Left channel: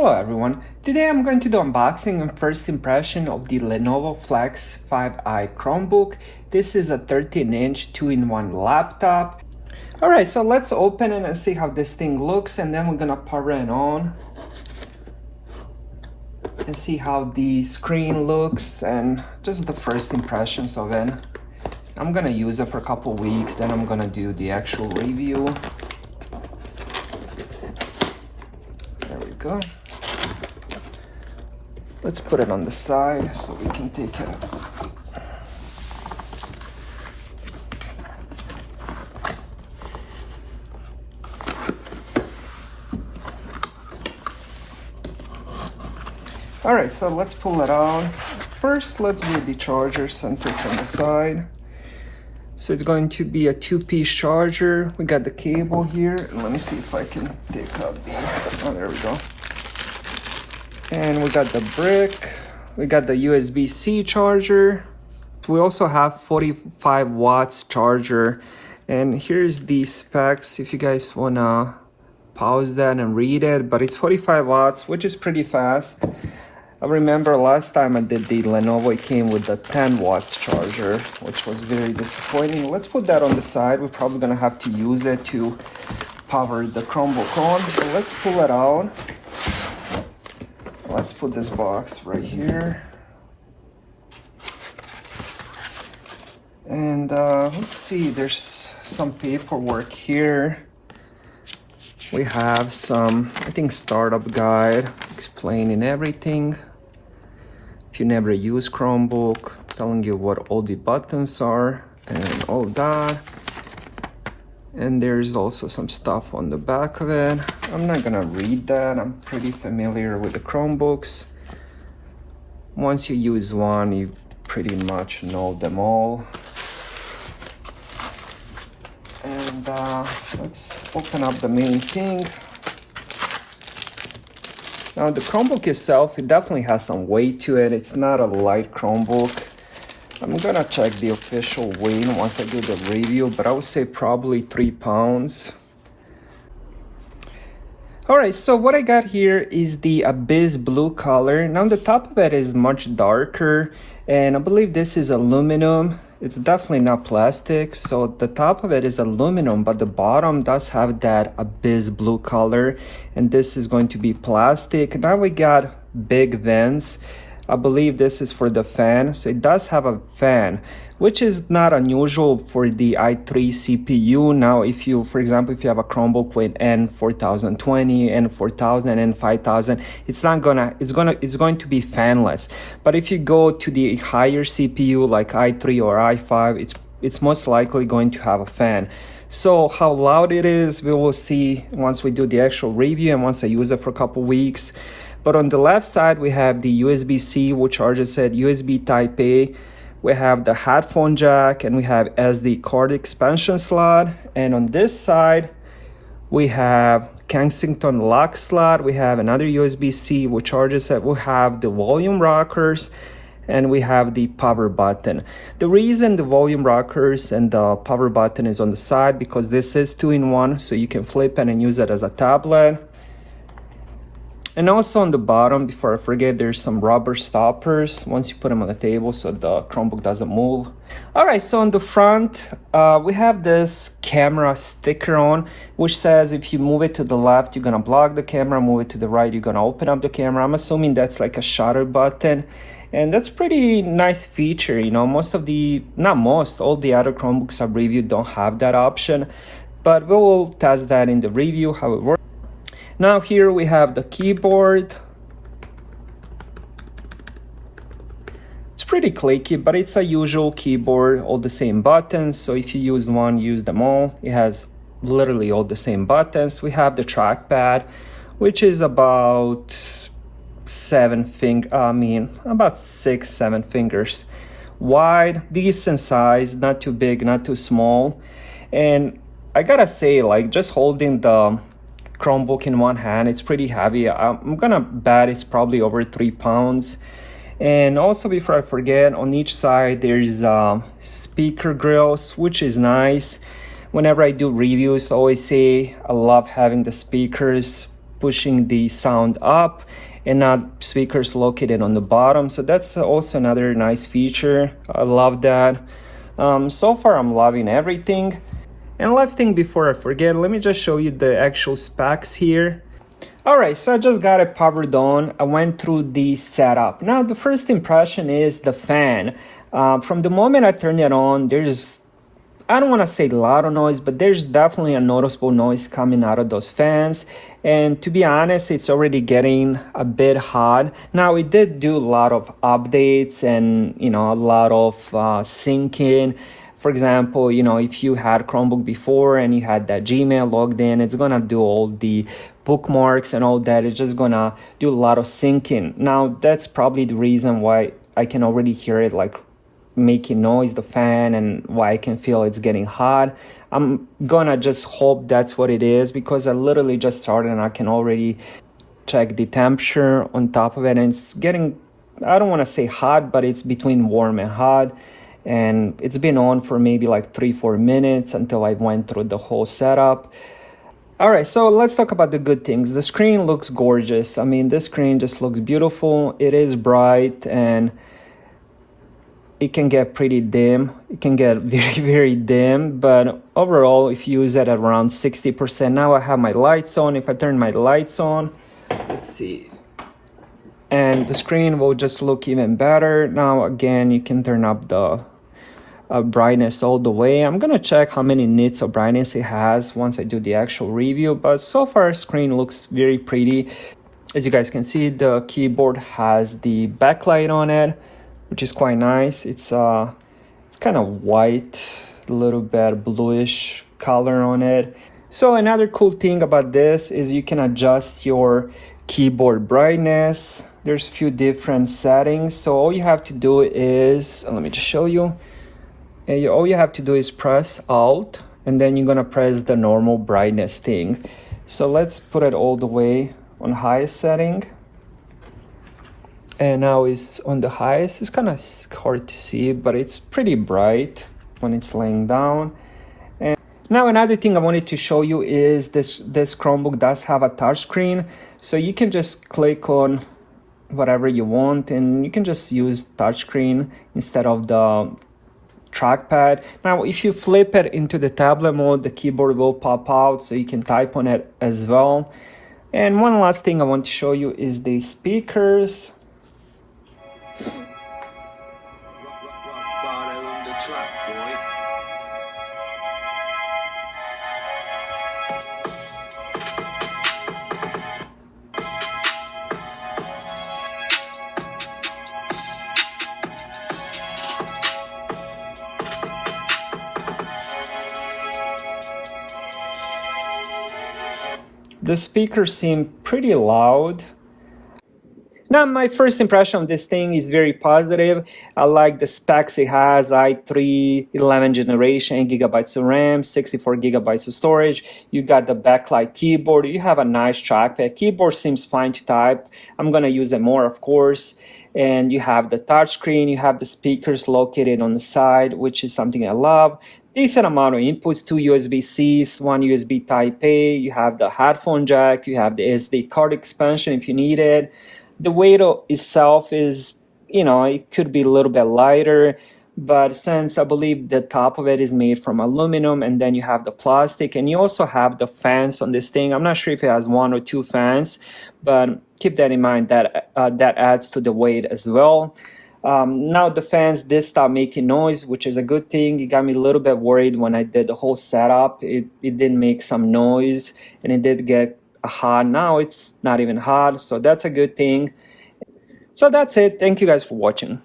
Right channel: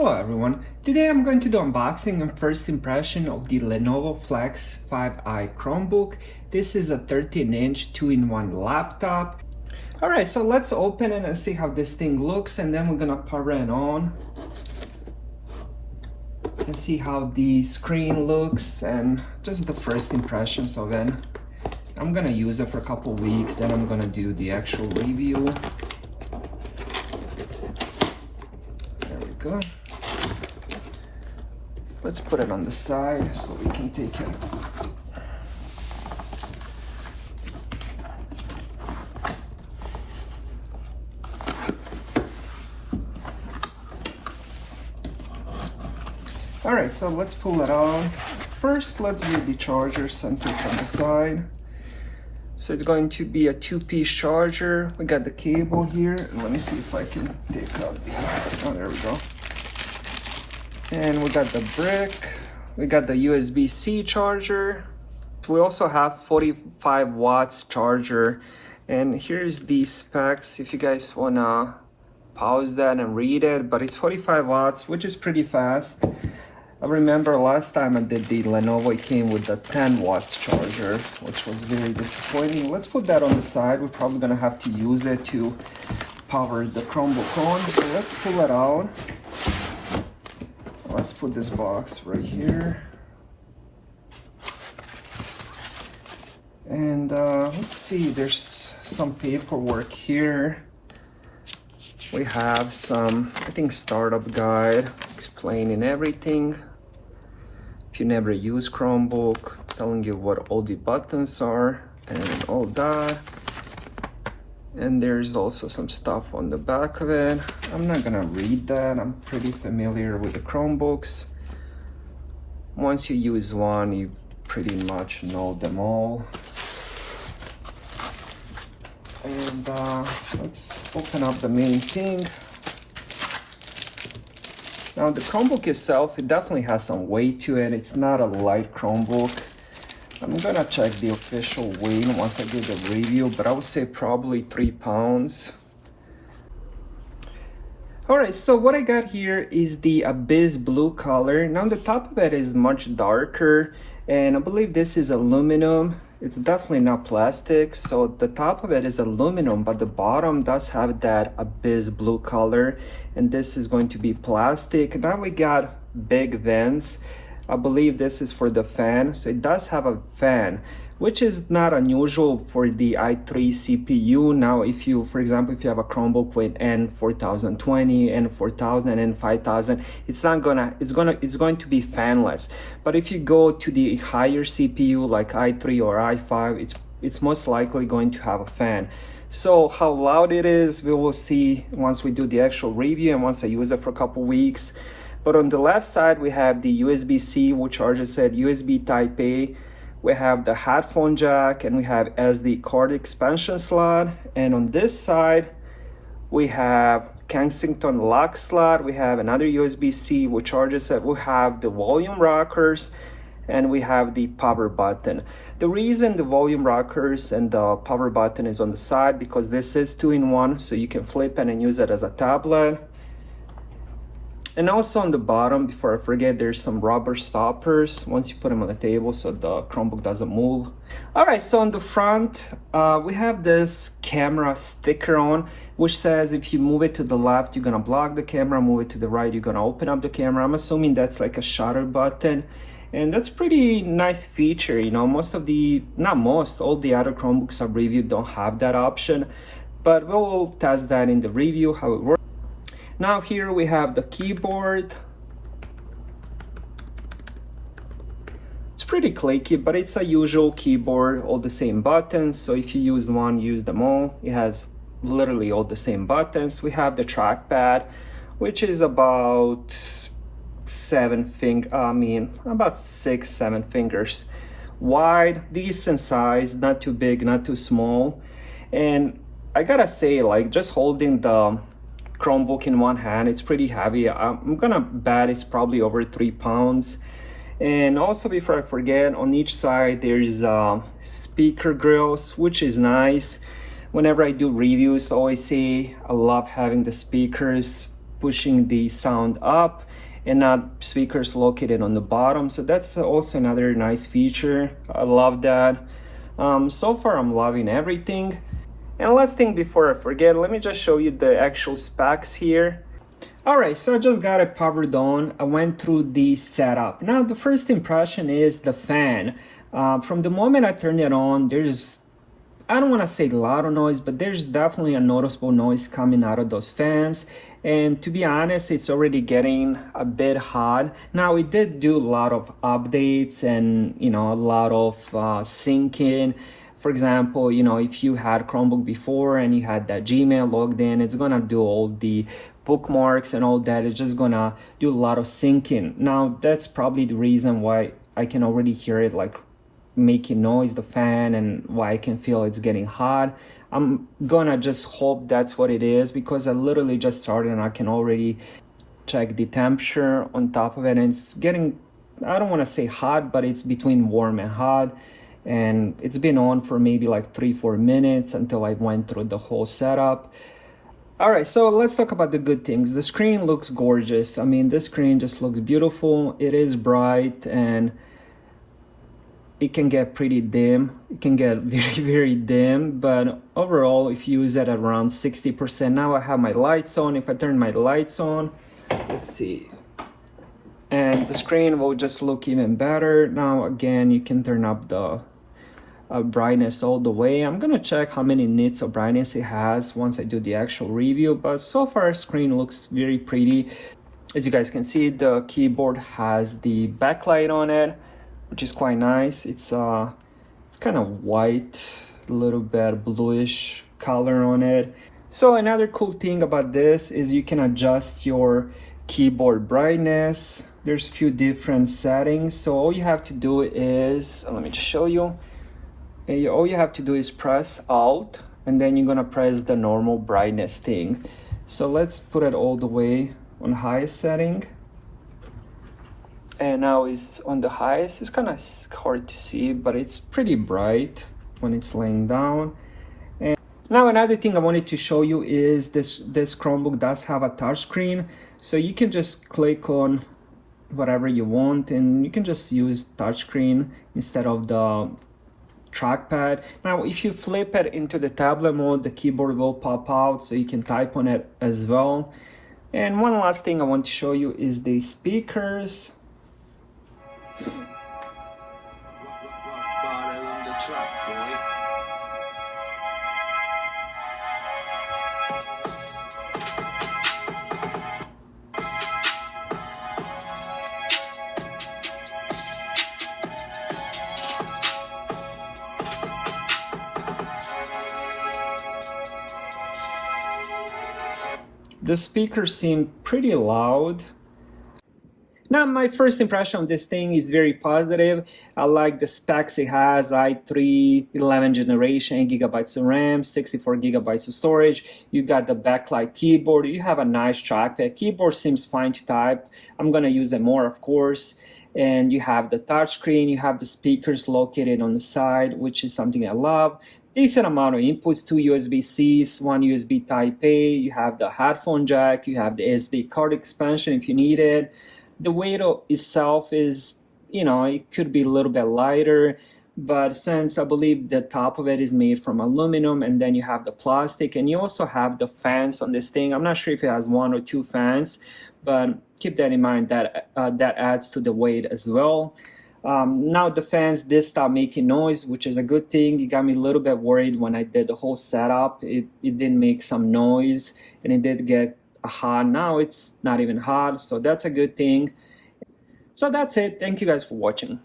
Hello everyone, today I'm going to do unboxing and first impression of the Lenovo Flex 5i Chromebook. This is a 13-inch 2-in-1 laptop. Alright, so let's open it and see how this thing looks, and then we're gonna power it on and see how the screen looks and just the first impressions of it. I'm gonna use it for a couple weeks, then I'm gonna do the actual review. There we go. Let's put it on the side so we can take it. Alright, so let's pull it out. First, let's do the charger since it's on the side. So it's going to be a 2-piece charger. We got the cable here. Let me see if I can take out the, oh, there we go. And we got the brick. We got the USB-C charger. We also have 45 watts charger. And here's the specs if you guys wanna pause that and read it, but it's 45 watts, which is pretty fast. I remember last time I did the Lenovo, it came with the 10 watts charger, which was very disappointing. Let's put that on the side. We're probably gonna have to use it to power the Chromebook on. So let's pull it out. Let's put this box right here. And let's see, there's some paperwork here. We have some, I think, startup guide explaining everything. If you never use Chromebook, telling you what all the buttons are and all that. And there's also some stuff on the back of it. I'm not gonna read that. I'm pretty familiar with the Chromebooks. Once you use one, you pretty much know them all. And let's open up the main thing. Now the Chromebook itself, it definitely has some weight to it. It's not a light Chromebook. I'm gonna check the official weight once I do the review, but I would say probably 3 pounds. Alright, so what I got here is the Abyss blue color. Now the top of it is much darker, and I believe this is aluminum. It's definitely not plastic, so the top of it is aluminum, but the bottom does have that Abyss blue color, and this is going to be plastic. Now we got big vents. I believe this is for the fan, so it does have a fan, which is not unusual for the i3 CPU. Now, if you, for example, if you have a Chromebook with N4020, N4000, N5000, it's going to be fanless. But if you go to the higher CPU like i3 or i5, it's most likely going to have a fan. So how loud it is, we will see once we do the actual review and once I use it for a couple weeks. But on the left side, we have the USB-C, which charges it, USB Type A. We have the headphone jack, and we have SD card expansion slot. And on this side, we have Kensington lock slot. We have another USB-C, which charges it. We have the volume rockers, and we have the power button. The reason the volume rockers and the power button is on the side, because this is 2-in-1, so you can flip it and use it as a tablet. And also on the bottom, before I forget, there's some rubber stoppers once you put them on the table so the Chromebook doesn't move. Alright, so on the front, we have this camera sticker on, which says if you move it to the left, you're gonna block the camera, move it to the right, you're gonna open up the camera. I'm assuming that's like a shutter button. And that's pretty nice feature, you know. All the other Chromebooks I've reviewed don't have that option. But we'll test that in the review, how it works. Now here we have the keyboard. It's pretty clicky, but it's a usual keyboard, all the same buttons. So if you use one, use them all. It has literally all the same buttons. We have the trackpad, which is about 6, 7 fingers wide, decent size, not too big, not too small. And I gotta say, like, just holding the Chromebook in one hand, it's pretty heavy. I'm gonna bet it's probably over 3 pounds. And also, before I forget, on each side there's speaker grills, which is nice. Whenever I do reviews, I always say I love having the speakers pushing the sound up and not speakers located on the bottom. So that's also another nice feature. I love that. So far I'm loving everything. And last thing before I forget, let me just show you the actual specs here. Alright, so I just got it powered on. I went through the setup. Now the first impression is the fan. From the moment I turned it on, there's, I don't want to say loud noise, but there's definitely a noticeable noise coming out of those fans. And to be honest, it's already getting a bit hot. Now it did do a lot of updates and, you know, a lot of syncing. For example, you know, if you had Chromebook before and you had that Gmail logged in, it's gonna do all the bookmarks and all that. It's just gonna do a lot of syncing. Now that's probably the reason why I can already hear it like making noise, the fan, and why I can feel it's getting hot. I'm gonna just hope that's what it is, because I literally just started and I can already check the temperature on top of it, and it's getting, I don't want to say hot, but it's between warm and hot. And it's been on for maybe like 3-4 minutes until I went through the whole setup. All right, so let's talk about the good things. The screen looks gorgeous. I mean, this screen just looks beautiful. It is bright and it can get pretty dim. It can get very, very dim, but overall, if you use it at around 60%, now I have my lights on. If I turn my lights on, let's see, and the screen will just look even better. Now, again, you can turn up the brightness all the way. I'm gonna check how many nits of brightness it has once I do the actual review, but so far, screen looks very pretty. As you guys can see, the keyboard has the backlight on it, which is quite nice. It's kind of white, a little bit bluish color on it. So another cool thing about this is you can adjust your keyboard brightness. There's a few different settings. So all you have to do is, let me just show you. All you have to do is press Alt, and then you're gonna press the normal brightness thing. So let's put it all the way on highest setting. And now it's on the highest. It's kind of hard to see, but it's pretty bright when it's laying down. And now another thing I wanted to show you is this Chromebook does have a touchscreen, so you can just click on whatever you want and you can just use touchscreen instead of the trackpad. Now if you flip it into the tablet mode, the keyboard will pop out so you can type on it as well. And one last thing I want to show you is the speakers. The speakers seem pretty loud. Now, my first impression of this thing is very positive. I like the specs it has: i3 11th generation, 8 gigabytes of RAM, 64 gigabytes of storage. You got the backlight keyboard. You have a nice trackpad. Keyboard seems fine to type. I'm gonna use it more, of course. And you have the touchscreen. You have the speakers located on the side, which is something I love. Decent amount of inputs, 2 USB-Cs, 1 USB Type-A. You have the headphone jack. You have the SD card expansion if you need it. The weight itself is, you know, it could be a little bit lighter, but since I believe the top of it is made from aluminum, and then you have the plastic, and you also have the fans on this thing. I'm not sure if it has 1 or 2 fans, but keep that in mind, that that adds to the weight as well. Now the fans did stop making noise, which is a good thing. It got me a little bit worried when I did the whole setup. It did make some noise, and it did get hot. Now it's not even hot, so that's a good thing. So that's it. Thank you guys for watching.